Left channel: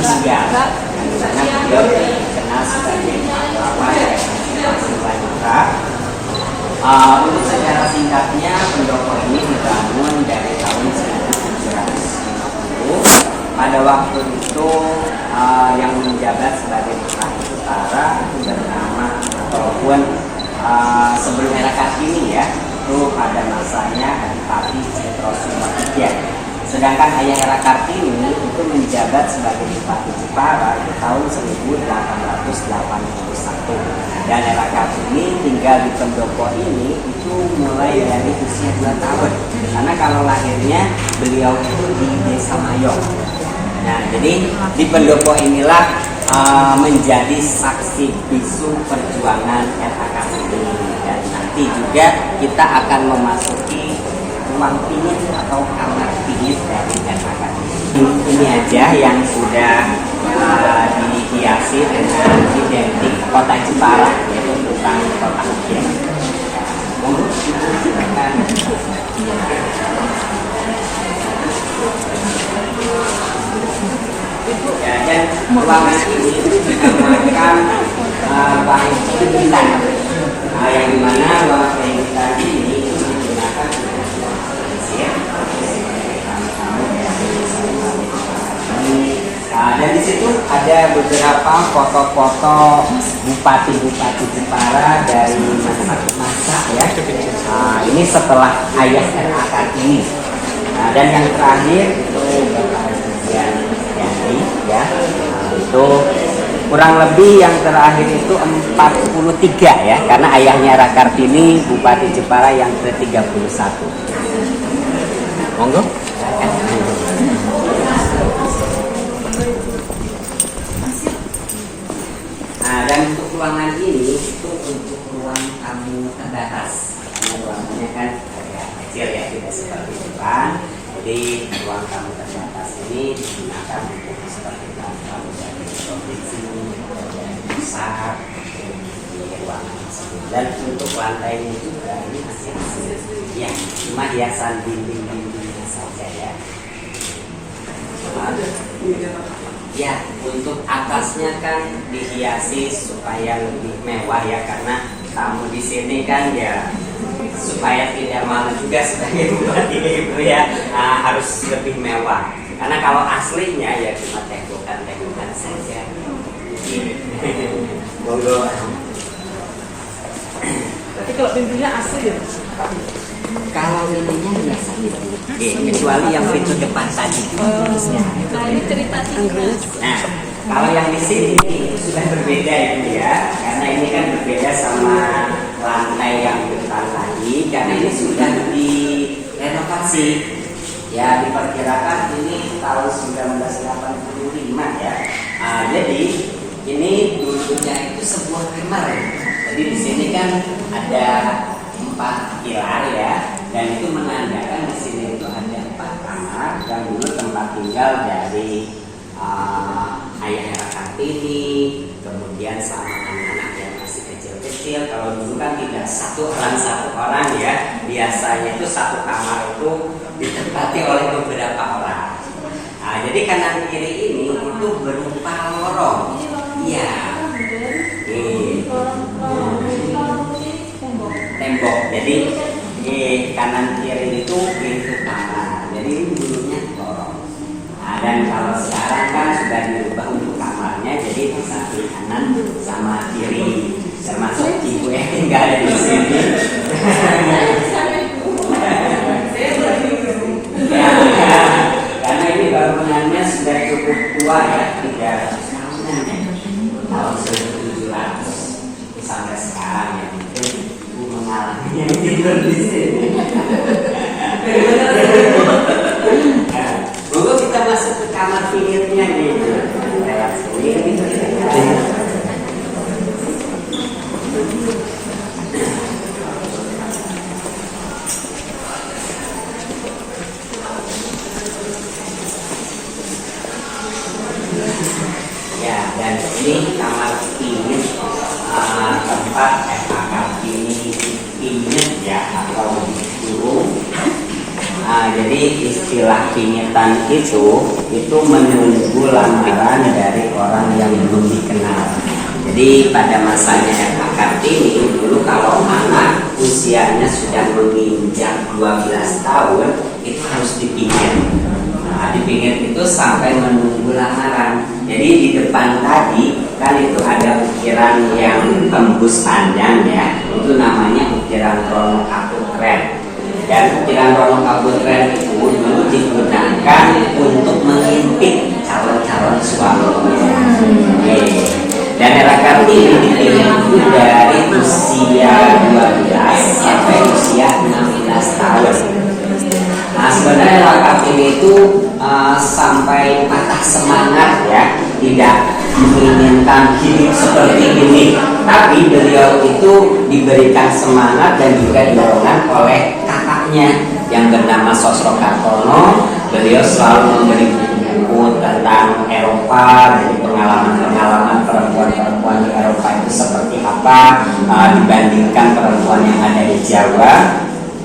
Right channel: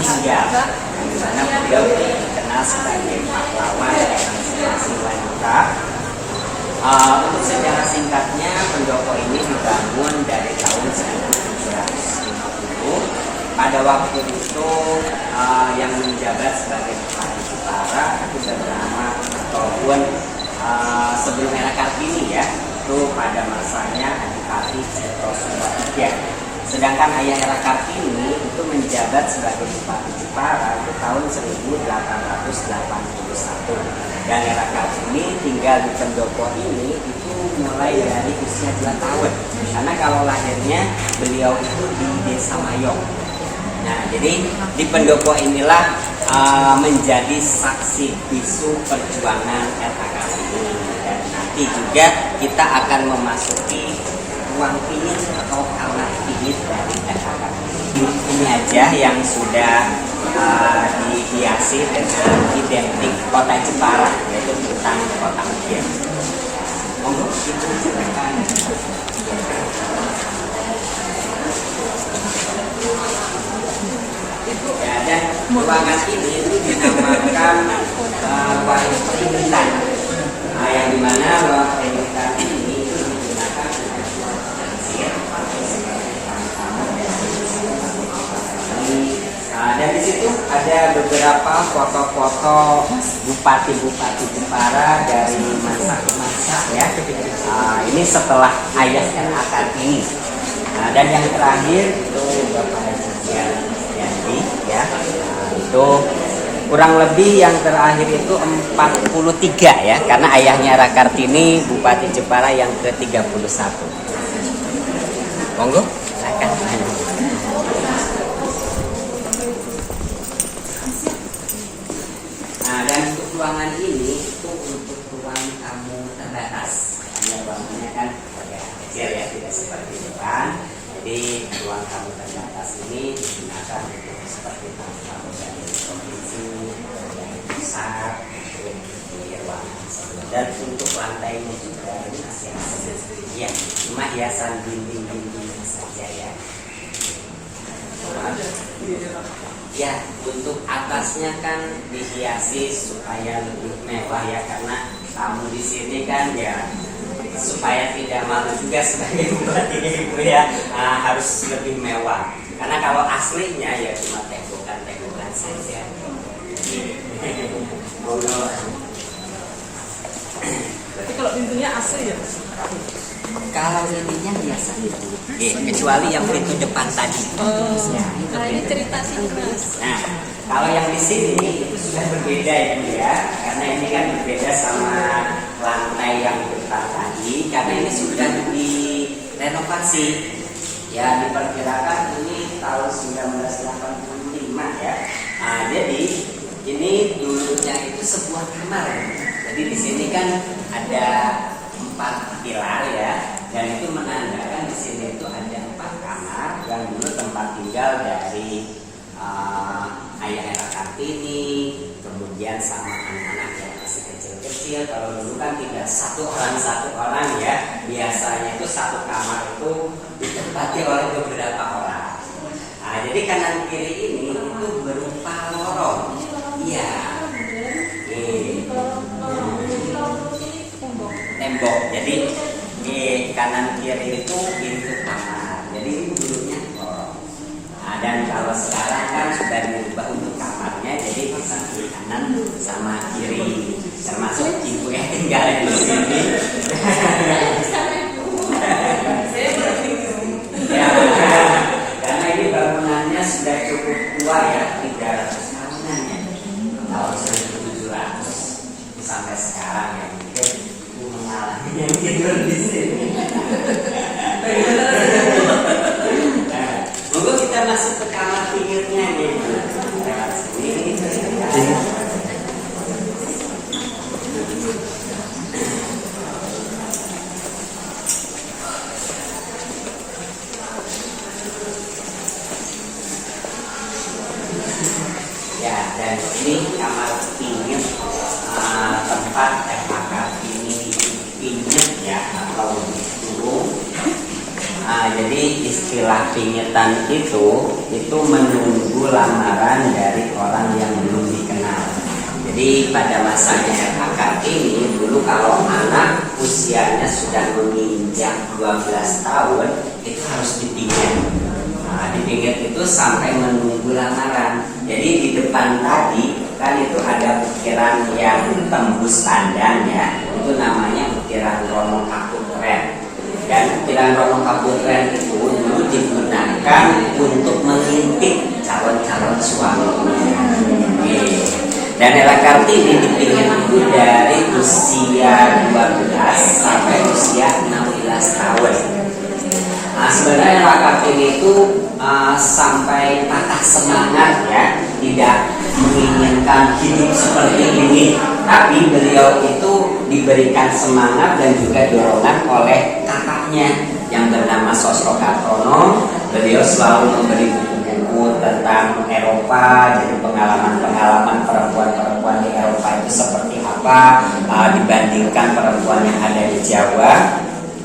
tinggal, karena beliau dikenal sebagai pahlawan Prajurit. Untuk sejarah singkatnya, pendopo ini dibangun dari tahun 1750. Pada waktu itu yang menjabat sebagai Bupati Jepara itu bernama, ataupun sebelum era Kartini ya, itu pada masanya Adipati Cetro Sumbatia. Sedangkan ayah era Kartini itu menjabat sebagai Bupati Jepara di tahun 1881. Dan era Kartini tinggal di pendopo ini itu mulai dari usia 2 tahun. Karena kalau lahirnya beliau itu di Desa Mayong. Nah, jadi di pendopo inilah menjadi saksi bisu perjuangan era Kartini. Dan nanti juga kita akan memasuki ruang pinit atau kamar pinit dari era Kartini. Ini aja yang sudah dihiasi dengan identik kota Jepara, yaitu tentang kota Ukiah. Monggo silakan. Ya, dan ruangan ini dinamakan ruang pendidikan, yang dimana ruang pendidikan ini digunakan untuk ruang pengajian. Dan di situ ada beberapa foto-foto bupati-bupati Jepara dari masa ke masa ya. Ini setelah ayah era Kartini. Dan yang terakhir itu Bapak Yanti ya. Itu kurang lebih yang terakhir itu 43 ya, karena ayahnya era Kartini Bupati Jepara yang ke-31. Monggo. Dan untuk ruangan ini itu untuk ruang tamu terbatas, karena ruangannya kan agak kecil ya, tidak seperti depan. Jadi ruang tamu terbatas ini digunakan untuk seperti tamu dari provinsi, dari pusat, di ruangan tersebut. Dan untuk lantainya juga ini masih asli, ya, cuma hiasan dinding-dindingnya saja ya. Ya, untuk atasnya kan dihiasi supaya lebih mewah ya, karena tamu di sini kan ya supaya tidak malu juga sebagai bupati gitu ya, harus lebih mewah. Karena kalau aslinya ya cuma tegukan saja. Monggo. Tapi kalau pintunya asli ya? Kalau ininya biasa gitu, kecuali yang pintu depan tadi. Nah, ini cerita Inggris. Nah, kalau yang di sini itu sudah berbeda ini ya, karena ini kan berbeda sama lantai yang depan tadi, karena ini sudah direnovasi. Ya, diperkirakan ini tahun 1985 ya. Jadi ini dulunya itu sebuah kamar. Jadi di sini kan ada 4 pilar ya, dan itu menandakan di sini itu ada 4 kamar dan dulu tempat tinggal dari ayah era Kartini, kemudian sama anak-anak yang masih kecil-kecil. Kalau dulu kan tidak satu orang ya, biasanya itu satu kamar itu ditempati oleh beberapa orang. Jadi kanan kiri ini itu berupa lorong, ya. Tembok. Jadi kanan kiri itu pintu kamar. Jadi ini dulunya lorong. Dan kalau sekarang kan sudah dirubah untuk kamarnya, jadi bisa kiri kanan sama kiri, termasuk ibu yang tinggal di sini. Ya, karena ini bangunannya sudah cukup tua ya, 300 tahunan ya, tahun 1700 sampai sekarang ya. Mungkin ibu mengalami yang tidur di sini. Dulu kita masuk ke kamar pinggirnya gitu. Lewat sini. Ya, dan ini kamar pinggir, tempat Kartini pinggir ya, atau burung. Jadi istilah kimitan itu menunggu lamaran dari orang yang belum dikenal. Jadi pada masanya RA Kartini dulu kalau anak usianya sudah menginjak 12 tahun itu harus dipinggir. Dipinggir itu sampai menunggu lamaran. Jadi di depan tadi kan itu ada ukiran yang tembus panjang ya. Itu namanya ukiran Rono Kaputren. Dan ukiran Rono Kaputren itu dulu digunakan untuk mengintip calon-calon suaminya. Dan RA Kartini dipilih itu dari usia 12 sampai usia 16 tahun. Sebenarnya RA Kartini itu sampai patah semangat ya, tidak menginginkan hidup seperti ini. Tapi beliau itu diberikan semangat dan juga dorongan oleh kakaknya yang bernama Sosro Kartono. Beliau selalu memberi buku tentang Eropa, dari pengalaman-pengalaman perempuan-perempuan di Eropa itu seperti apa dibandingkan perempuan yang ada di Jawa.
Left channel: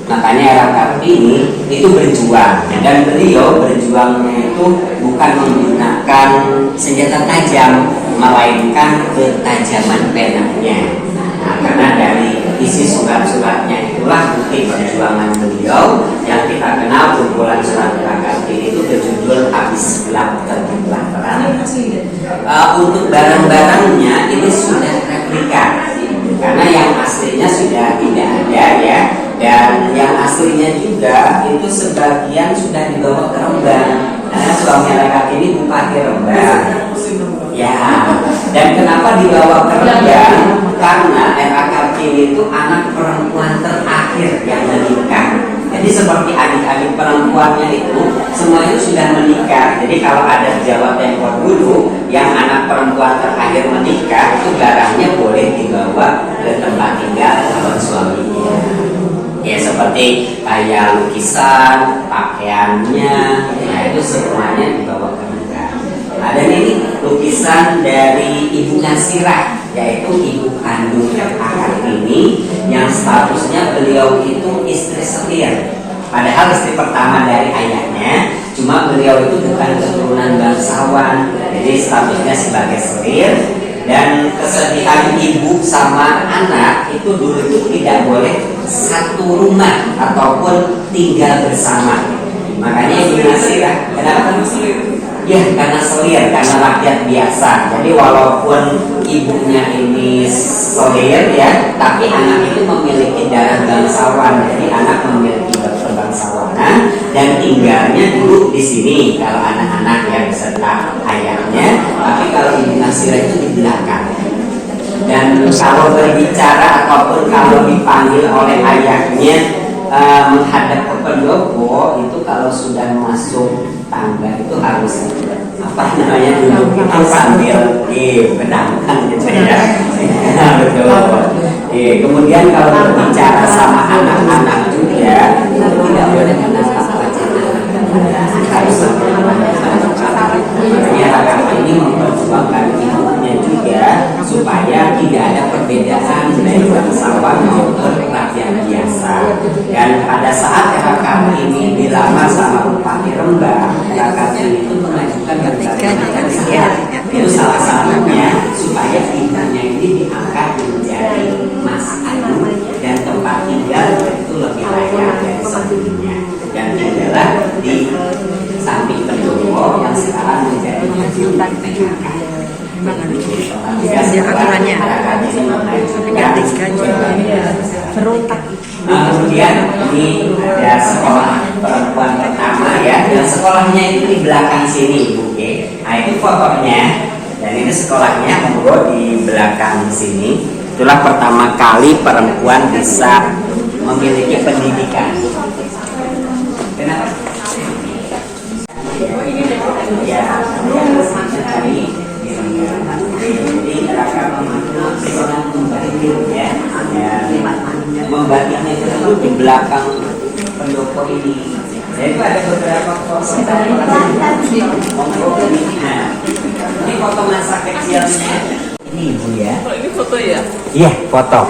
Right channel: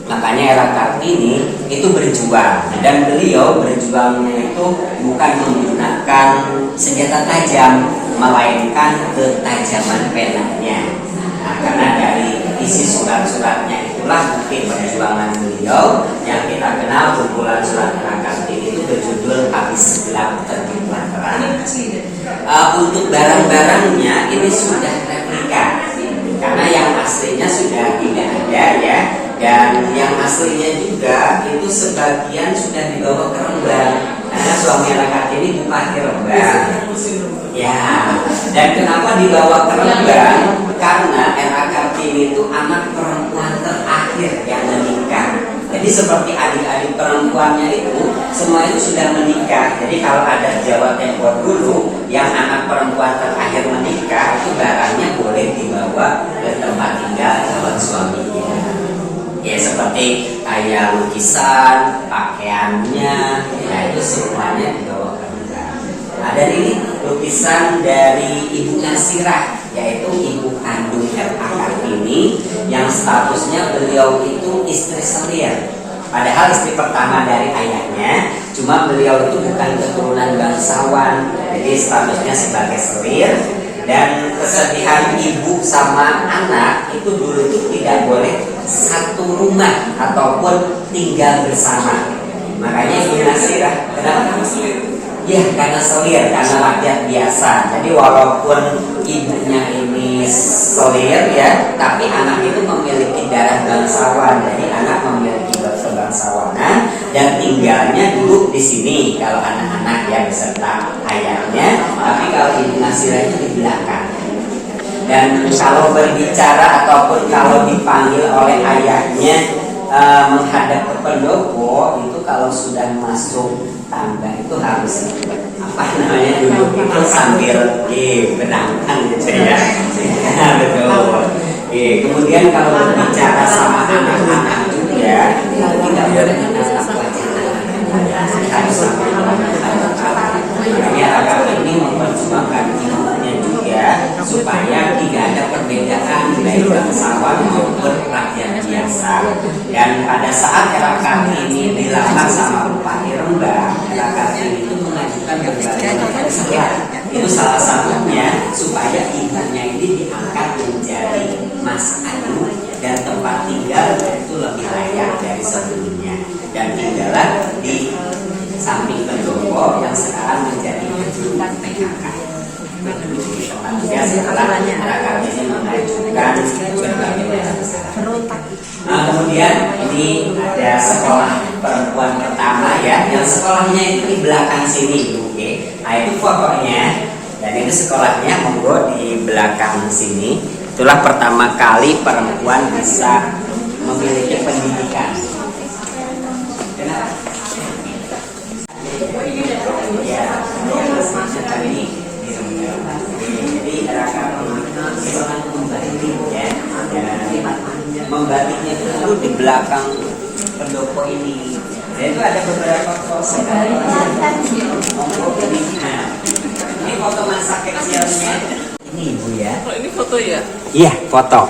Makanya RA Kartini itu berjuang, dan beliau berjuangnya itu bukan menggunakan senjata tajam, melainkan ketajaman penanya. Karena dari isi surat-suratnya itulah bukti perjuangan beliau yang kita kenal. Kumpulan surat RA Kartini itu berjudul Habis Gelap Terbitlah Terang. Untuk barang-barangnya ini sudah replika, karena yang aslinya sudah tidak ada ya. Dan yang aslinya juga itu sebagian sudah dibawa ke Rembang, karena suami RA Kartini bupati Rembang. Ya, dan kenapa dibawa ke Rembang? Karena RA Kartini itu anak perempuan terakhir yang menikah. Jadi seperti adik-adik perempuannya itu semua itu sudah menikah. Jadi kalau ada Jawa Tempo dulu yang anak perempuan terakhir menikah, itu barangnya boleh dibawa ke tempat tinggal calon suaminya. Ya seperti kayak lukisan, pakaiannya, nah itu semuanya dibawa ke Rembang. Ada ini lukisan dari Ibu Nasirah, yaitu ibu kandungnya RA Kartini, yang statusnya beliau itu istri selir. Padahal istri pertama dari ayahnya, cuma beliau itu bukan keturunan bangsawan, jadi statusnya sebagai selir. Dan kesedihan ibu sama anak itu dulu itu tidak boleh satu rumah ataupun tinggal bersama. Makanya Ibu Nasirah, kenapa selir? Ya karena selir, karena rakyat biasa. Jadi walaupun ibunya ini selir ya, tapi anak itu memiliki darah bangsawan. Jadi anak memiliki kebangsawanan dan tinggalnya dulu di sini kalau anak-anak yang beserta ayahnya. Tapi kalau Ibu Nasirah itu di belakang. Dan kalau berbicara ataupun kalau dipanggil oleh ayahnya menghadap ke pendopo, itu kalau sudah masuk tangga itu harus duduk itu sambil benangkan gitu ya. Betul. Kemudian kalau berbicara sama anak-anak juga itu tidak boleh menatap wajah anak-anak, harus sampai makanya RA Kartini memperjuangkan ibunya juga supaya tidak ada perbedaan baik bangsawan maupun rakyat biasa. Dan pada saat RA Kartini dilamar sama Bupati Rembang, RA Kartini itu mengajukan berbagai macam syarat. Itu salah satunya supaya ibunya ini diangkat menjadi Mas Ayu dan tempat tinggal itu lebih layak dari sebelumnya. Dan tinggallah di samping pendopo yang sekarang menjadi gedung PKK. Kemudian ini ada sekolah perempuan pertama ya, dan sekolahnya itu di belakang sini Bu. Nah itu fotonya, dan itu sekolahnya monggo di belakang sini. Itulah pertama kali perempuan bisa memiliki pendidikan. Kenapa? Ya, tadi jadi RA Kartini seorang pembatik ya, membatiknya itu di belakang pendopo ini. Dan itu ada beberapa foto. Ini foto masa kecilnya. Ini Ibu ya. Oh, ini foto ya? Iya, foto.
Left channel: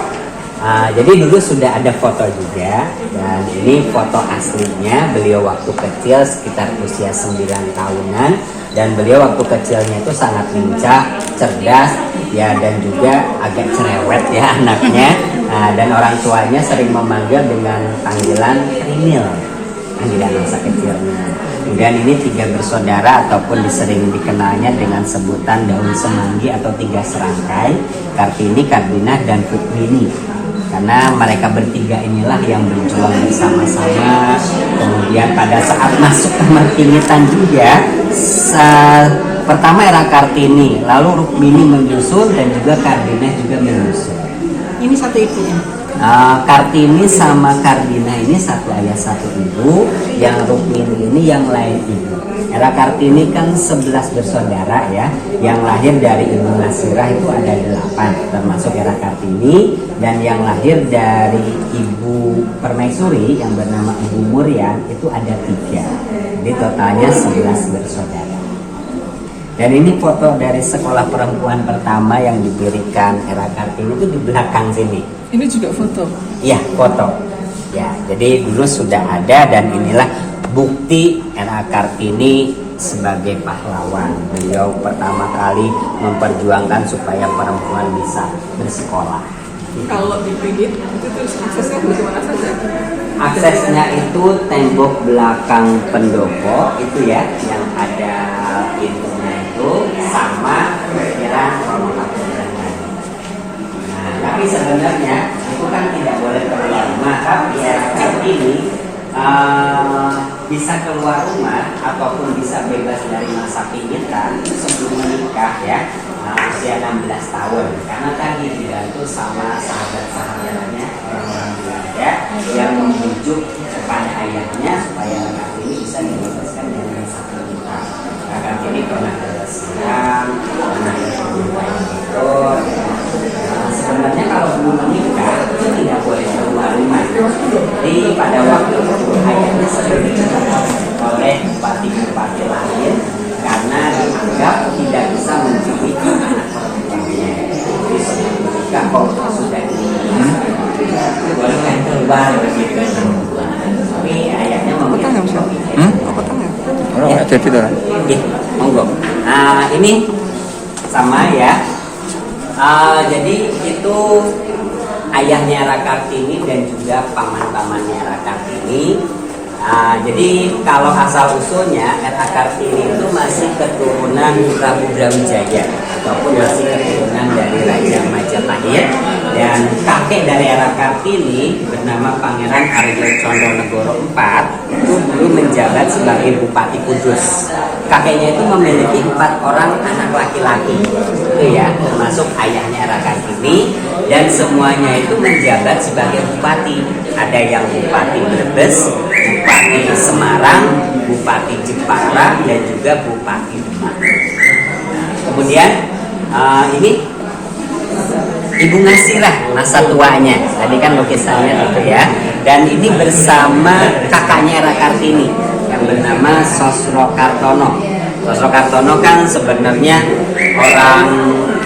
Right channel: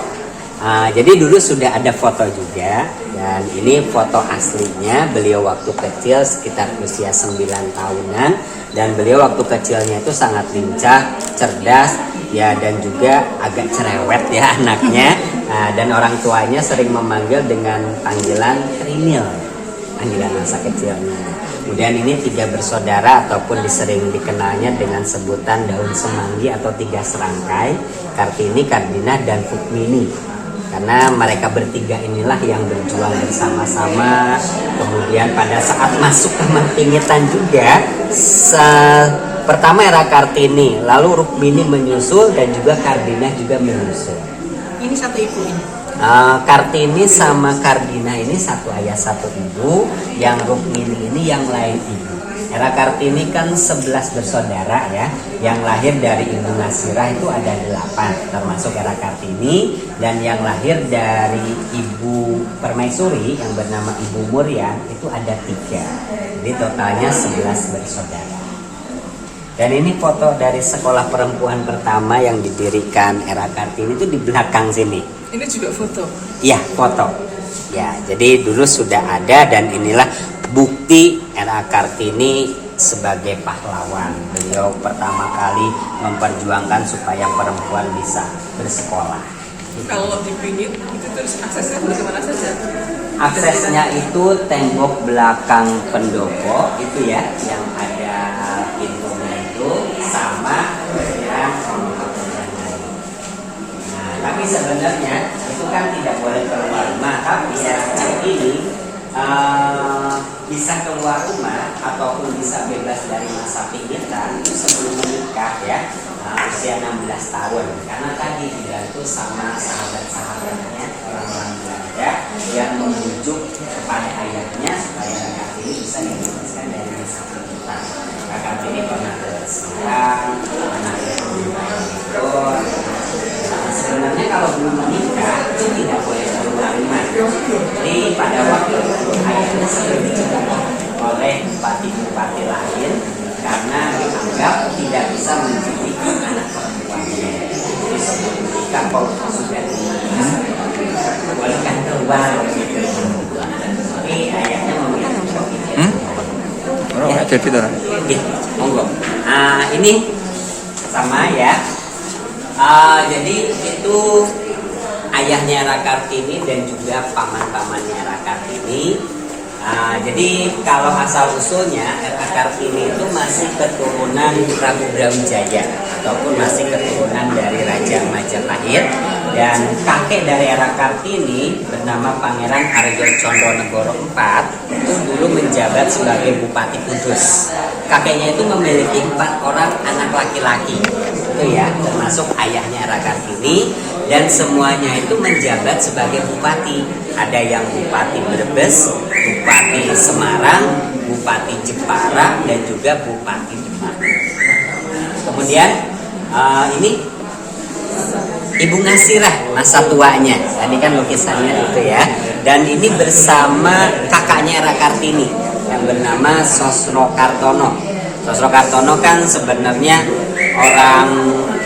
Jadi dulu sudah ada foto juga, dan ini foto aslinya beliau waktu kecil sekitar usia 9 tahunan, dan beliau waktu kecilnya itu sangat lincah, cerdas ya, dan juga agak cerewet ya anaknya. Dan orang tuanya sering memanggil dengan panggilan Krimil, panggilan masa kecilnya. Kemudian ini 3 bersaudara ataupun sering dikenalnya dengan sebutan daun semanggi atau 3 serangkai, Kartini, Kardinah, dan Rukmini. Karena mereka bertiga inilah yang berjuang bersama-sama. Kemudian pada saat masuk ke Martinitan juga, pertama era Kartini, lalu Rukmini menyusul, dan juga Kardinah juga menyusul. Ini satu ibunya. Kartini sama Kardinah ini satu ayah satu ibu, yang Rukmini ini yang lain ibu. Era Kartini kan 11 bersaudara ya, yang lahir dari Ibu Nasirah itu ada 8, termasuk era Kartini, dan yang lahir dari Ibu Permaisuri yang bernama Ibu Murian itu ada 3. Jadi totalnya 11 bersaudara. Dan ini foto dari sekolah perempuan pertama yang didirikan era Kartini itu di belakang sini. Ini juga foto. Iya, foto. Ya, jadi dulu sudah ada, dan inilah bukti era Kartini sebagai pahlawan. Beliau pertama kali memperjuangkan supaya perempuan bisa bersekolah. Kalau dipingit itu terus aksesnya bagaimana saja? Aksesnya itu tembok belakang pendopo itu ya, yang ada pintunya itu sama kira-kira. Tapi sebenarnya itu kan tidak boleh keluar rumah. Tapi era Kartini bisa keluar rumah ataupun bisa bebas dari masa pingitan itu sebelum menikah ya, usia 16 tahun. Karena tadi dibantu sama sahabat-sahabatnya, orang-orang Belanda yang membujuk kepada ayahnya supaya Kartini bisa dibebaskan dari masa pingitan. Kartini pernah ke Siang, pernah ke Bogor. Sebenarnya kalau belum menikah itu tidak boleh keluar rumah. Jadi pada waktu itu ayahnya sering dicegah oleh bupati-bupati lain karena dianggap tidak bisa mendidik anak perempuannya. Jadi sebelum menikah kok sudah dibolehkan keluar begitu. Tapi ayahnya memilih begitu. Orang jadi tuh. Monggo. Ini sama ya. Jadi itu ayahnya era Kartini dan juga paman-pamannya era Kartini. Jadi kalau asal usulnya era Kartini itu masih keturunan Prabu Brawijaya ataupun masih keturunan dari Raja Majapahit, dan kakek dari era Kartini bernama Pangeran Arya Condonegoro IV itu dulu menjabat sebagai Bupati Kudus. Kakeknya itu memiliki 4 orang anak laki-laki itu ya, termasuk ayahnya era Kartini, dan semuanya itu menjabat sebagai bupati. Ada yang Bupati Brebes, Bupati Semarang, Bupati Jepara, dan juga Bupati Demak. Kemudian ini Ibu Nasirah, masa tuanya. Tadi kan lukisannya itu ya. Dan ini bersama kakaknya era Kartini yang bernama Sosro Kartono. Sosro Kartono kan sebenarnya orang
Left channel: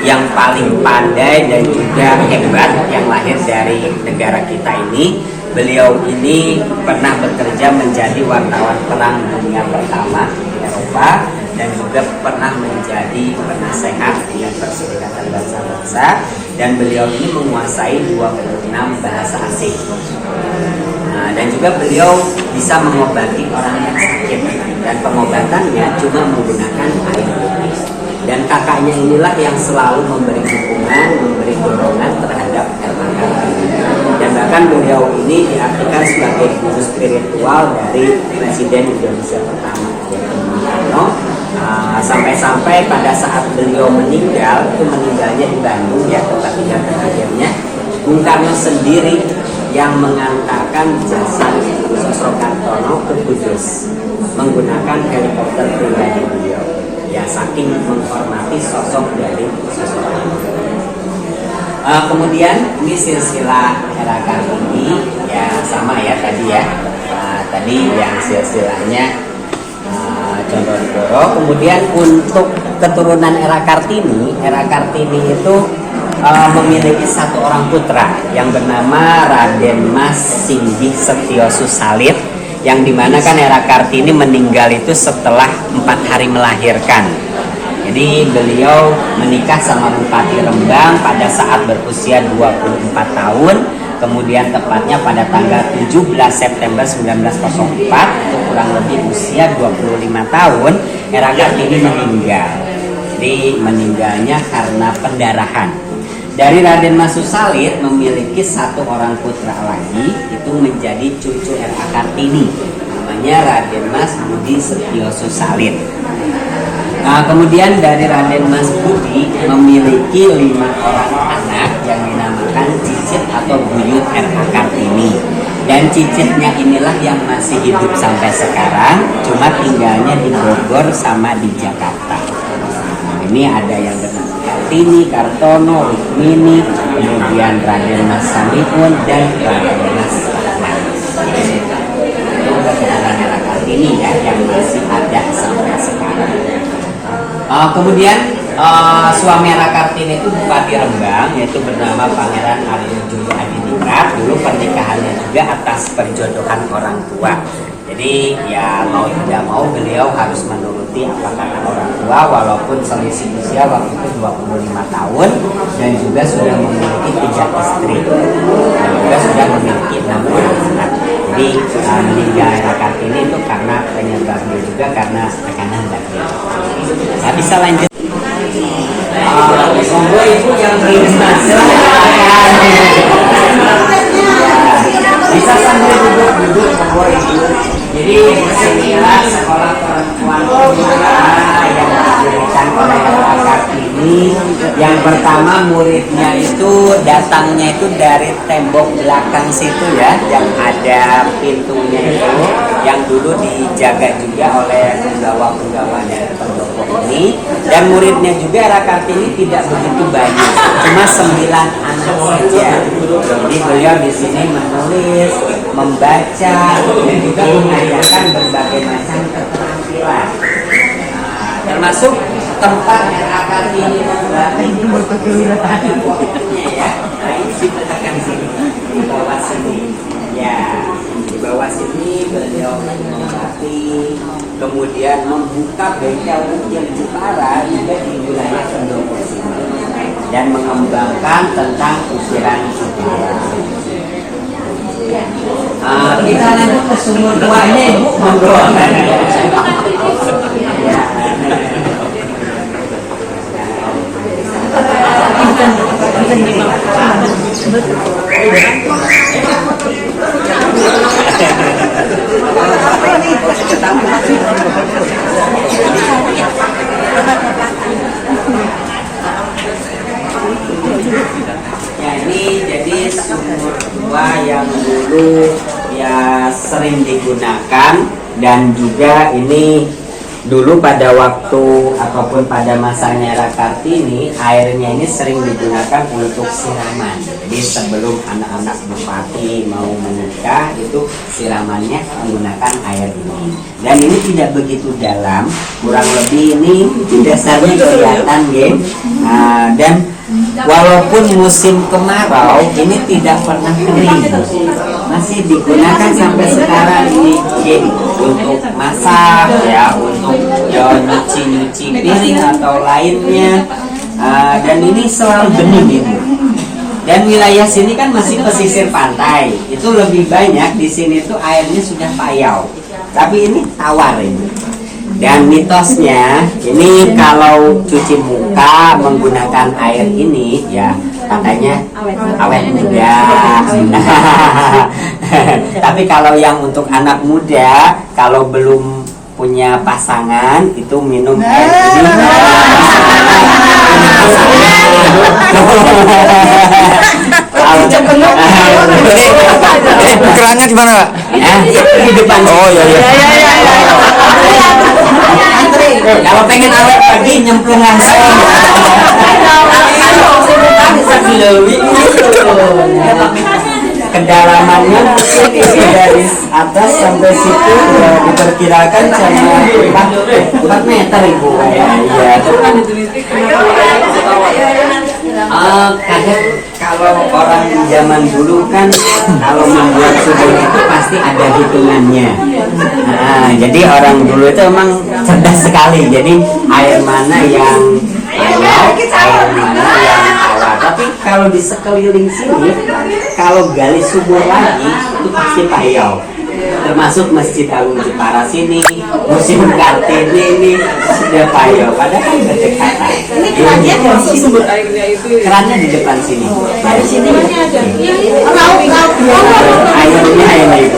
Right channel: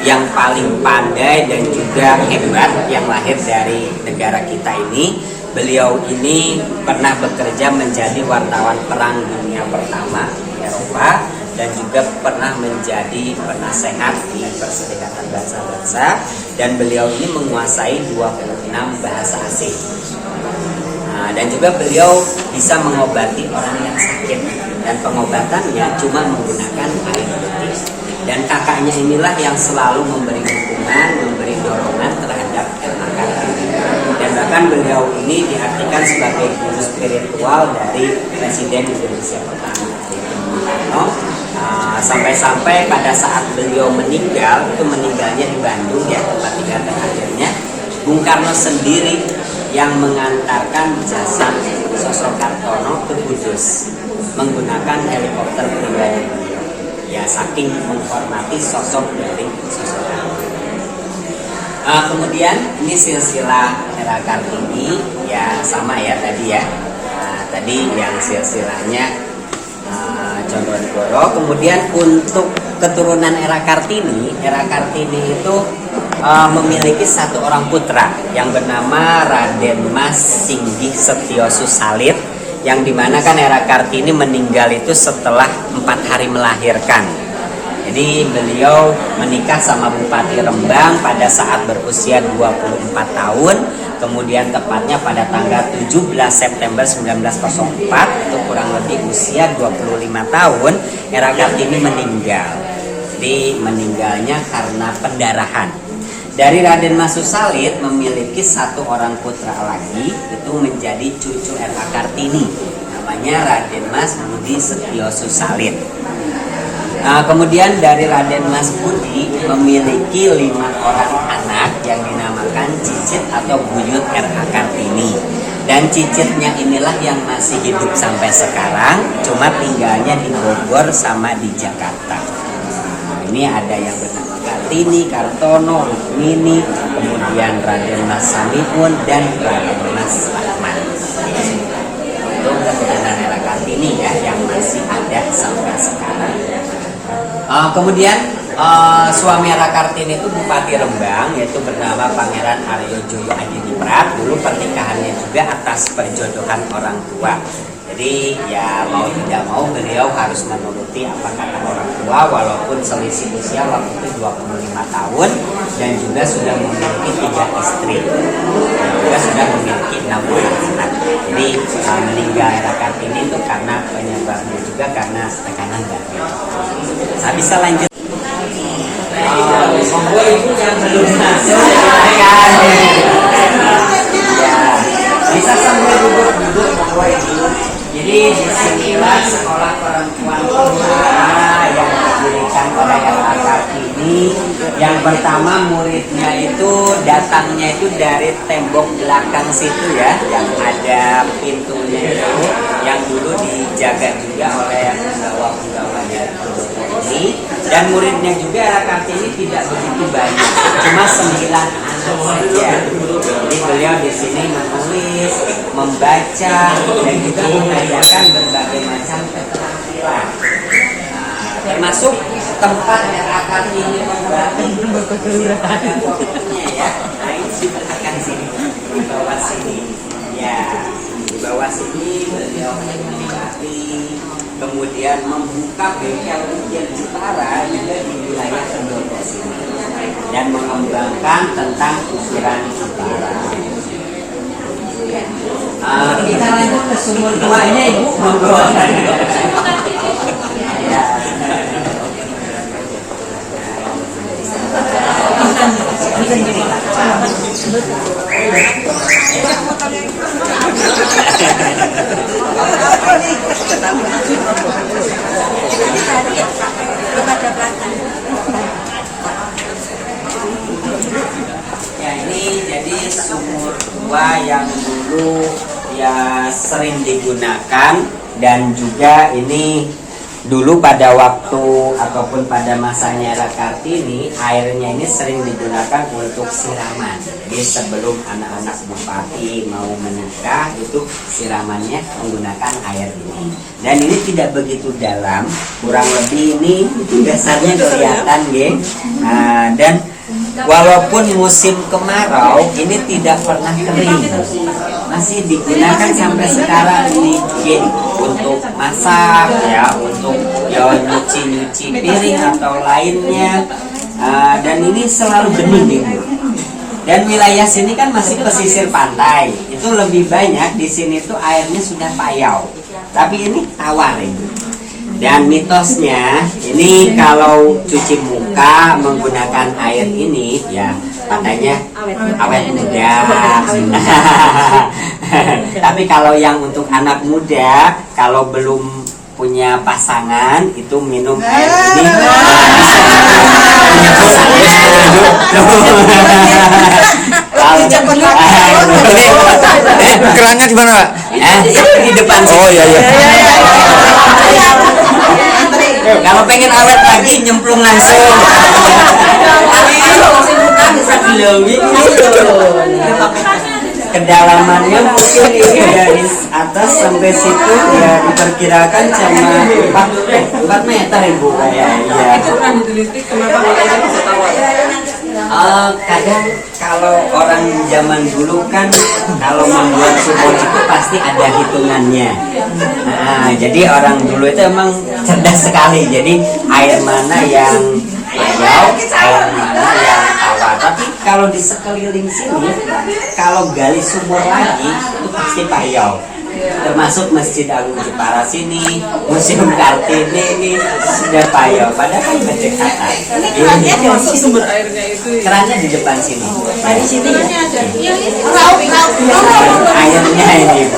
yang paling pandai dan juga hebat yang lahir dari negara kita ini. Beliau ini pernah bekerja menjadi wartawan perang dunia pertama di Eropa, dan juga pernah menjadi penasehat di Perserikatan Bangsa-Bangsa, dan beliau ini menguasai 26 bahasa asing. Dan juga beliau bisa mengobati orang yang sakit, dan pengobatannya cuma menggunakan air putih. Dan kakaknya inilah yang selalu memberi dukungan, memberi dorongan terhadap era Kartini. Dan bahkan beliau ini diartikan sebagai guru spiritual dari Presiden Indonesia pertama, Bung Karno. Sampai-sampai pada saat beliau meninggal, itu meninggalnya di Bandung ya, tempat tinggal terakhirnya, Bung Karno sendiri yang mengantarkan jasad Sosro Kartono ke Kudus menggunakan helikopter pribadi beliau. Ya, saking menghormati sosok dari Sosro Kartono. Kemudian ini silsilah era Kartini ya, sama ya tadi ya. Tadi yang silsilahnya Condonegoro. Kemudian untuk keturunan era Kartini itu memiliki satu orang putra yang bernama Raden Mas Singgih Setio Susalit, yang dimana kan Era Kartini meninggal itu setelah 4 hari melahirkan. Jadi beliau menikah sama Bupati Rembang pada saat berusia 24 tahun. Kemudian tepatnya pada tanggal 17 September 1904, itu kurang lebih usia 25 tahun, Era Kartini meninggal. Jadi meninggalnya karena pendarahan. Dari Raden Mas Susalit memiliki satu orang putra lagi, itu menjadi cucu Era Kartini, namanya Raden Mas Budi Setio Susalit. Nah, kemudian dari Raden Mas Budi memiliki 5 orang anak yang dinamakan cicit atau buyut R.A. Kartini. Dan cicitnya inilah yang masih hidup sampai sekarang, cuma tinggalnya di Bogor sama di Jakarta. Nah, ini ada yang bernama Kartini, Kartono, Rukmini, kemudian Raden Mas Samiun, dan Raden Mas Rahman. Itu keturunan R.A. Kartini ya, yang masih ada sampai sekarang. Kemudian suami Era Kartini itu Bupati Rembang, yaitu bernama Pangeran Aryo Joyo Adiningrat. Dulu pernikahannya juga atas perjodohan orang tua. Jadi ya mau tidak mau beliau harus menuruti apa kata orang tua, walaupun selisih usia waktu itu 25 tahun dan juga sudah memiliki 3 istri dan juga sudah memiliki 6 orang anak. Jadi meninggal Era Kartini itu karena penyebabnya juga karena tekanan batin. Nah, bisa lanjut. Monggo ibu yang belum silakan. Ya, bisa sambil duduk monggo ibu. Jadi disinilah sekolah perempuan pertama yang didirikan oleh Era Kartini. Yang pertama muridnya itu datangnya itu dari tembok belakang situ ya, yang ada pintunya itu, yang dulu dijaga juga oleh penggawa-penggawa dari pondok ini. Dan muridnya juga Era Kartini tidak begitu banyak, cuma 9 anak saja. Jadi beliau di sini menulis, membaca, dan juga mengajarkan berbagai macam keterampilan. Termasuk tempat Era Kartini membatik ada fotonya ya. Nah ini diletakkan sini, di bawah sini. Ya, di bawah sini beliau membatik, kemudian membuka bengkel ukir Jepara juga di wilayah Pendopo sini, dan mengembangkan tentang ukiran Jepara. Kita lanjut ke sumur tuanya ibu, monggo. Ya ini jadi sumur tua yang dulu ya sering digunakan, dan juga ini dulu pada waktu ataupun pada masanya Era Kartini airnya ini sering digunakan untuk siraman. Jadi sebelum anak-anak bupati mau menikah itu siramannya menggunakan air ini. Dan ini tidak begitu dalam, kurang lebih ini dasarnya kelihatan ya. Dan walaupun musim kemarau ini tidak pernah kering, masih digunakan sampai sekarang ini untuk masak ya, untuk nyuci piring atau lainnya. Dan ini selalu bening ini. Dan wilayah sini kan masih pesisir pantai, itu lebih banyak di sini tuh airnya sudah payau, tapi ini tawar ini. Dan mitosnya ini kalau cuci muka menggunakan air ini ya katanya awet muda. Tapi kalau yang untuk anak muda, kalau belum punya pasangan itu minum air ini Ini kerannya di mana, Pak? Di depan. Oh iya iya. Kalau pengen awet pagi nyemplung langsung. Kedalamannya mungkin ini dari atas sampai situ ya diperkirakan cuma 4 meter ibu ya. Iya. kalau orang zaman dulu kan kalau membuat sumur itu pasti ada hitungannya. Nah, jadi orang dulu itu emang cerdas sekali. Jadi air mana yang payau, air mana yang tawar. Tapi kalau di sekeliling sini, kalau gali sumur lagi itu pasti payau. Termasuk Masjid Agung Jepara sini, Museum Kartini ini sudah payau. Padahal kan berdekatan. Sumber airnya itu Kerannya di depan sini. di sini. Airnya ini.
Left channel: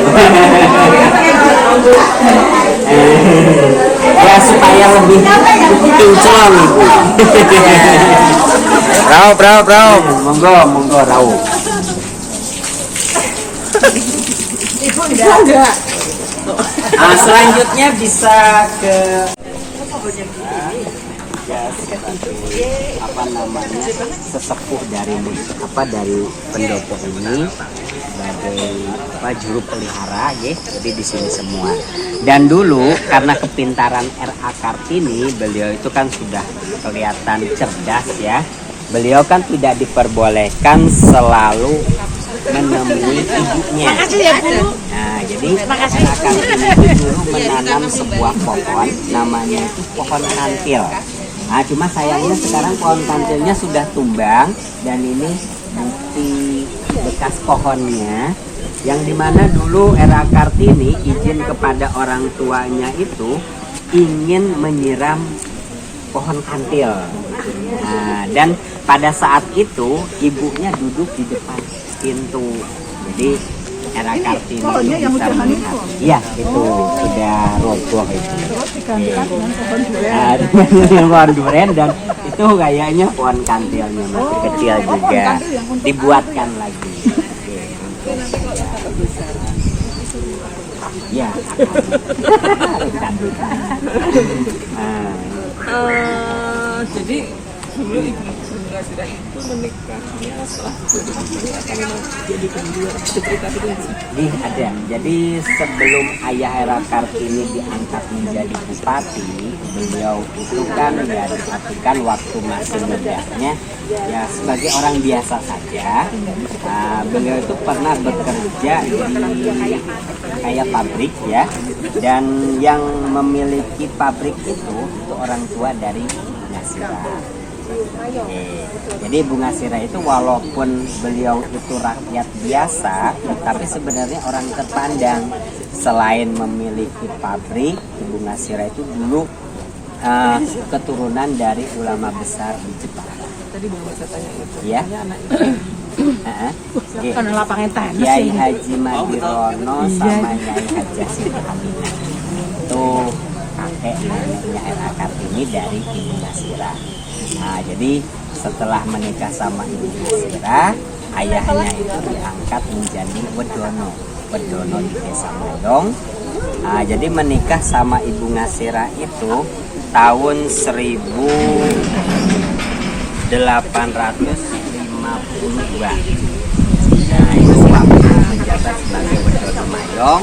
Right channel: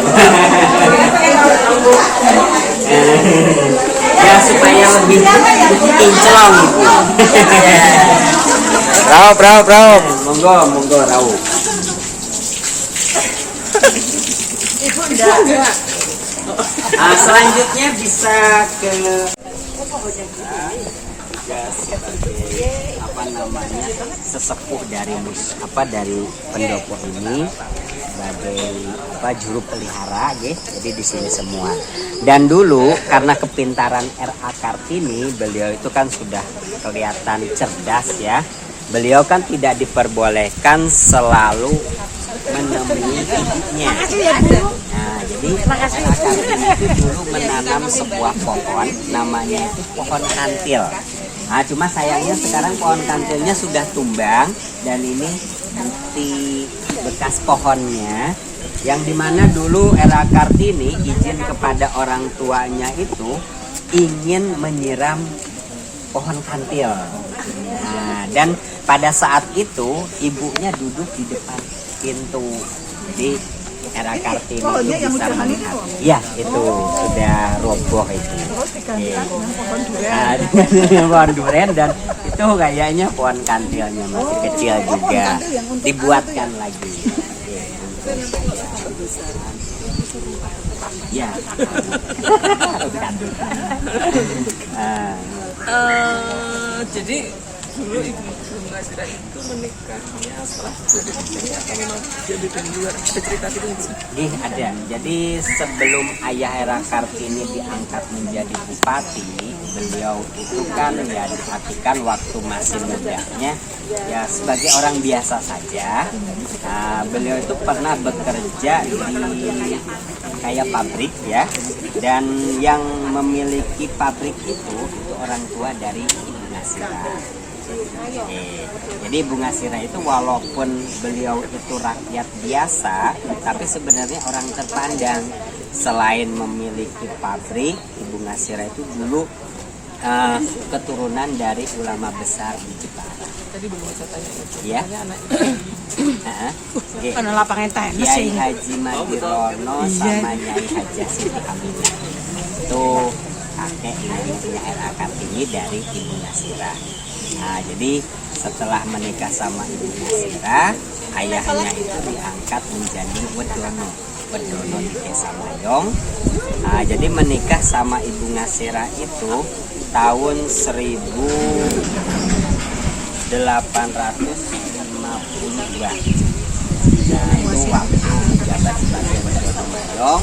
Ya supaya lebih kinclong ibu. Raup. Monggo raup. Selanjutnya bisa ke ya sebagai apa namanya sesepuh dari pendopo ini sebagai juru pelihara ya, jadi di sini semua. Dan dulu karena kepintaran R.A. Kartini, beliau itu kan sudah kelihatan cerdas ya. Beliau kan tidak diperbolehkan selalu menemui ibunya. Nah, jadi R.A. Kartini itu dulu menanam sebuah pohon, namanya itu pohon kantil. Nah, cuma sayangnya sekarang pohon kantilnya sudah tumbang dan ini bukti bekas pohonnya, yang dimana dulu R.A. Kartini izin kepada orang tuanya itu ingin menyiram pohon kantil. Nah, dan pada saat itu ibunya duduk di depan pintu, jadi R.A. Kartini bisa melihat. Iya, itu sudah roboh itu. Pohon duren dan itu kayaknya pohon kantilnya masih kecil juga, dibuatkan lagi. Ya, Jadi dulu ibu Bunga Sirah itu menikahnya setelah jadi bupati atau memang jadi penjual? Cerita itu nih ada. Jadi sebelum ayah R.A. Kartini diangkat menjadi bupati, beliau itu kan ya diartikan waktu masih mudanya ya sebagai orang biasa saja. Beliau itu pernah bekerja di kayak pabrik ya, dan yang memiliki pabrik itu orang tua dari Bunga Sirah. Jadi Bunga Sirah itu walaupun beliau itu rakyat biasa, tapi sebenarnya orang terpandang. Selain memiliki pabrik, Bunga Sirah itu dulu keturunan dari ulama besar di Jepara. tadi belum saya tanya itu. Ya. Karena lapangnya tenis. Kiai Haji Madirono sama Nyai Haji Siti Aminah. Itu kakek neneknya R.A. Kartini dari Ibu Nasirah. Nah, jadi setelah menikah sama Ibu Nasirah, ayahnya itu diangkat menjadi Wedono di Desa Mayong. Nah, jadi menikah sama Ibu Nasirah itu tahun 1852. Nah, itu waktu menjabat sebagai Wedono Mayong.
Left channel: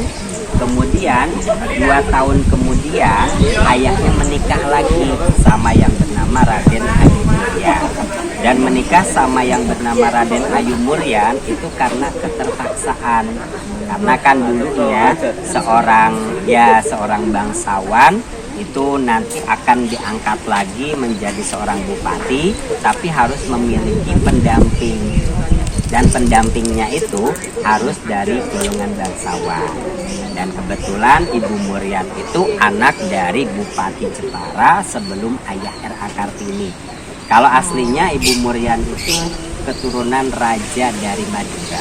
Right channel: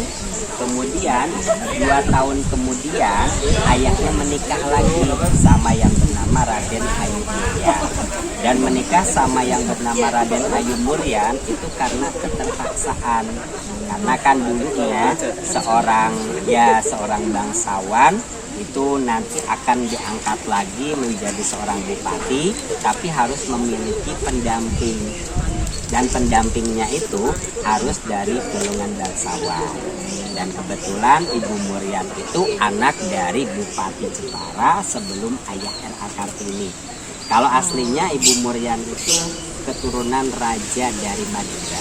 Kemudian 2 tahun kemudian ayahnya menikah lagi sama yang bernama Raden Ayu Muryan. Dan menikah sama yang bernama Raden Ayu Muryan itu karena keterpaksaan. Karena kan dulunya seorang bangsawan itu nanti akan diangkat lagi menjadi seorang bupati, tapi harus memiliki pendamping. Dan pendampingnya itu harus dari golongan bangsawan. Dan kebetulan Ibu Muryan itu anak dari Bupati Jepara sebelum ayah R.A. Kartini. Kalau aslinya Ibu Muryan itu keturunan raja dari Madura.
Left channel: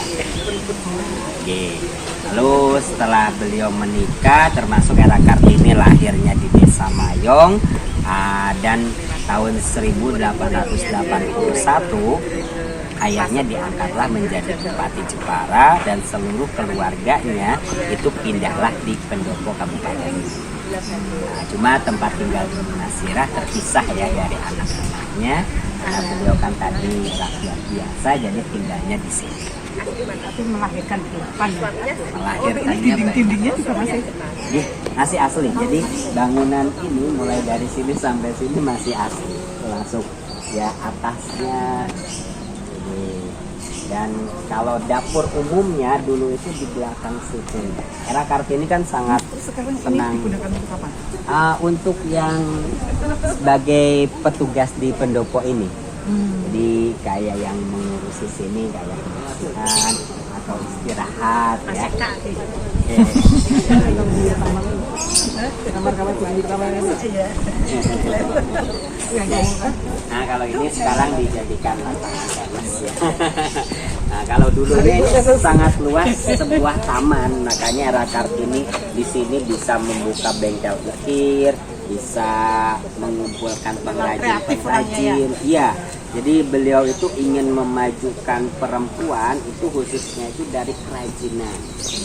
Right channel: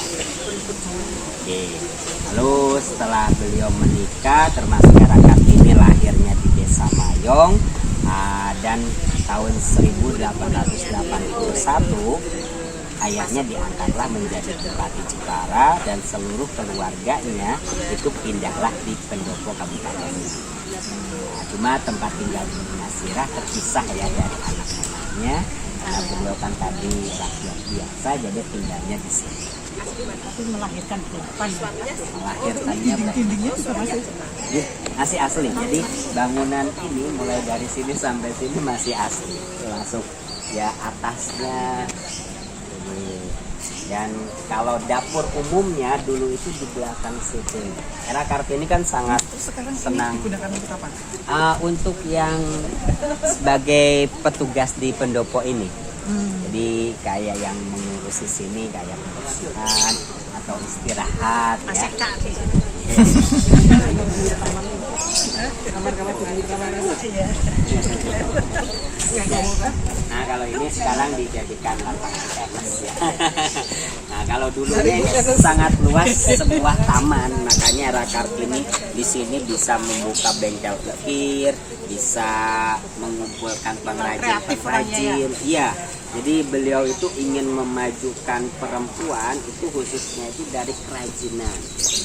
Lalu setelah beliau menikah, termasuk R.A. Kartini lahirnya di Desa Mayong, dan tahun 1881 ayahnya diangkatlah menjadi Bupati Jepara dan seluruh keluarganya itu pindahlah di pendopo kabupaten ini. Nah, cuma tempat tinggal Ibu Nasirah terpisah ya dari anak-anaknya karena beliau kan tadi rakyat biasa, jadi tinggalnya di sini. Tapi melahirkan 8. Melahirkannya Dindingnya juga masih asli. Jadi bangunan ini mulai dari sini sampai sini masih asli. Langsung ya atasnya Dan kalau dapur umumnya dulu itu di belakang situ. Era Kartini kan sangat senang. Untuk yang sebagai petugas di pendopo ini. Jadi kayak yang mengurusi sini kayak pembersihan atau istirahat ya. Nah kalau ini sekarang dijadikan lapangan tenis ya. Nah kalau dulu ini sangat luas sebuah taman, makanya Era Kartini di sini bisa membuka bengkel ukir, bisa mengumpulkan pengrajin-pengrajin. Iya. Jadi beliau itu ingin memajukan perempuan itu khususnya itu dari kerajinan.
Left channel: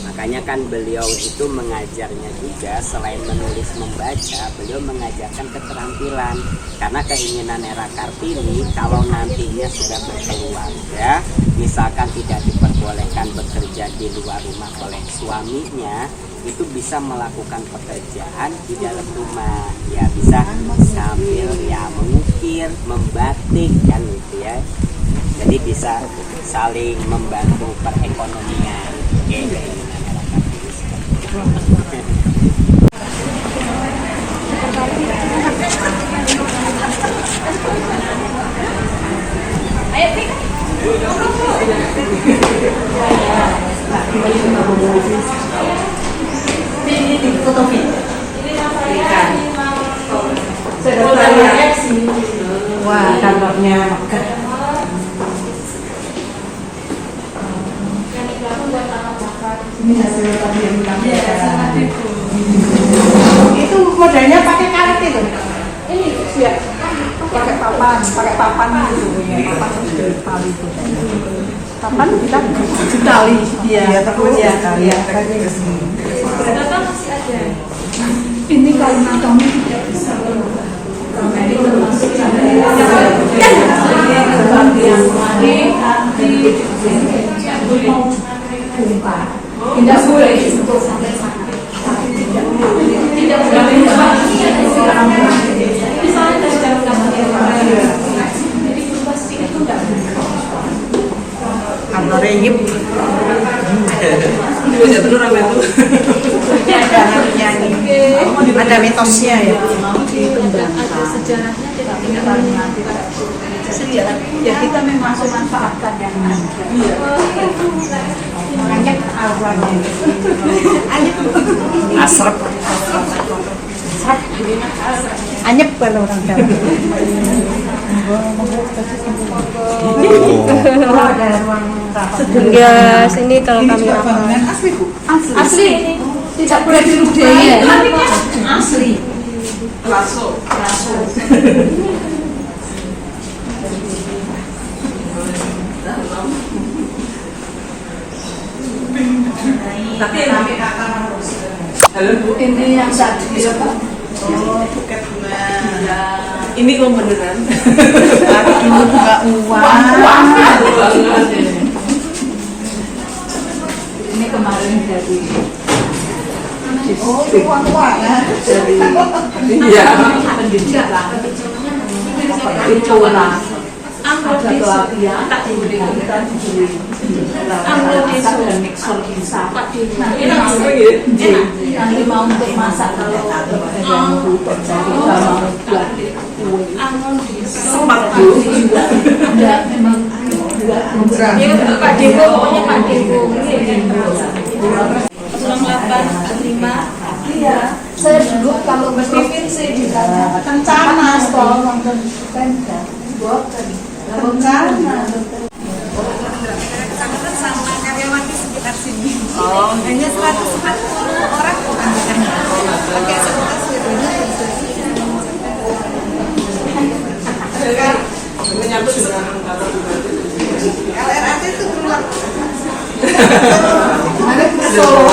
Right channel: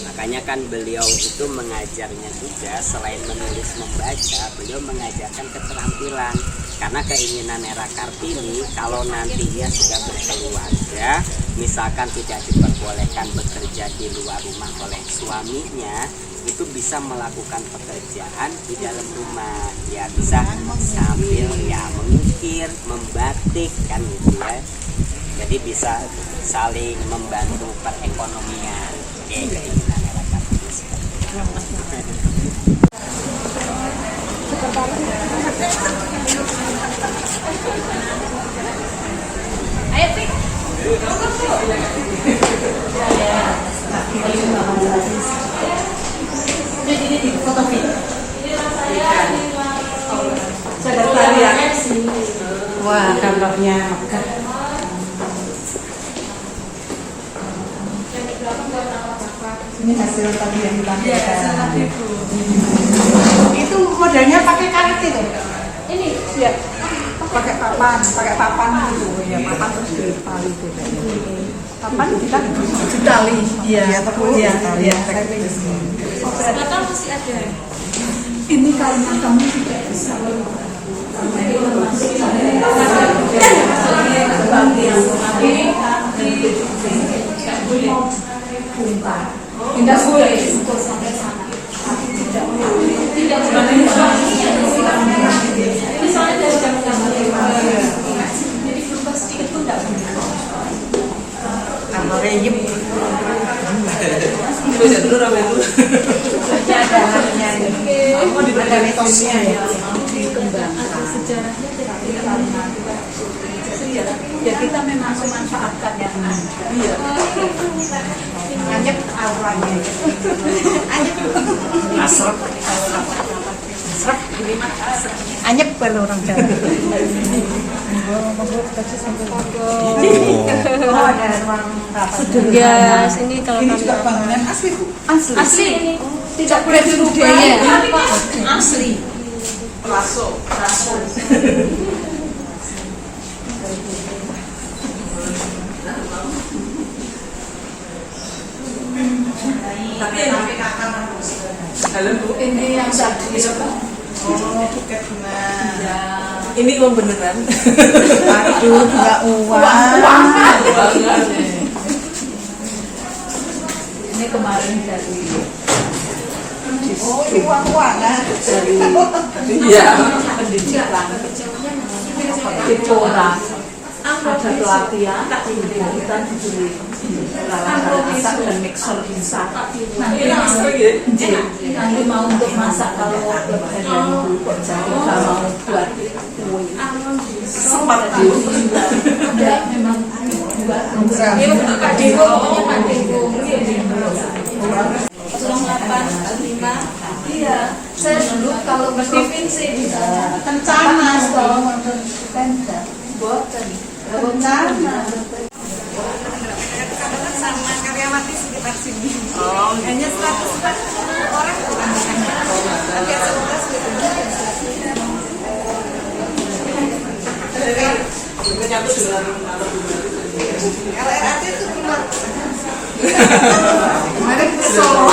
Makanya kan beliau itu mengajarnya juga selain menulis membaca, beliau mengajarkan keterampilan. Karena keinginan Era Kartini kalau nantinya sudah berkeluarga, misalkan tidak diperbolehkan bekerja di luar rumah oleh suaminya, itu bisa melakukan pekerjaan di dalam rumah ya, bisa sambil ya mengukir, membatik kan gitu ya, jadi bisa saling membantu perekonomian. Oke, keinginan Era Kartini seperti itu. Wah, gambarnya megah. Ini hasil tadi yang ditampilkan. Itu modelnya pakai karet itu. Ini siap. Pakai papan gitu ya. Papan di tali itu. Papan kita di tali. Iya, ya tali. Masih ada. Ini karena kami tidak bisa tidak boleh sampai sana. Tidak boleh. Misalnya jadi berubah sedikit pun tidak boleh. Antara yip. Banyak telur apa itu? Ada nyanyi, ada mitosnya ya. Dikembangkan. Sejarahnya tidak Ya kita memang memanfaatkan yang anyep auranya. Asrep. Anyep kalau orang Jawa. Guys, ini kalau kami bangunan asli Bu. asli tidak boleh dirubah ya. Asli. Raso. Tapi halo Bu, Ini yang tadi apa? oh buket bunga. Ini uang beneran. Aduh, bunga uang. Ini kemarin dari uang-uangan dari Iya. Itola. Ada pelatihan kita diberi dan mixer bisa. Nanti mau untuk masak kalau jadi kalau buat Sempat Bu. juga ada memang buat Pak Dewo, pokoknya Pak Dewo. Selamat Lima. Iya, saya dulu kalau berpikir sih di sana bencana, tolong nonton Pemda, buatan bencana. Sama karyawati sekitar sini. Oh, Hanya 140 orang. Agak sekitar situ. menyatu dengan kantor bupati. LRT itu rumah. Ada Solo.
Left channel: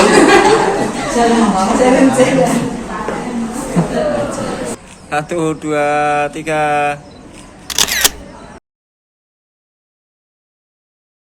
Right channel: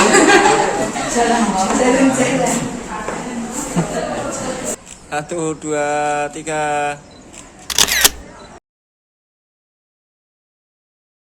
Jalan. 1, 2, 3.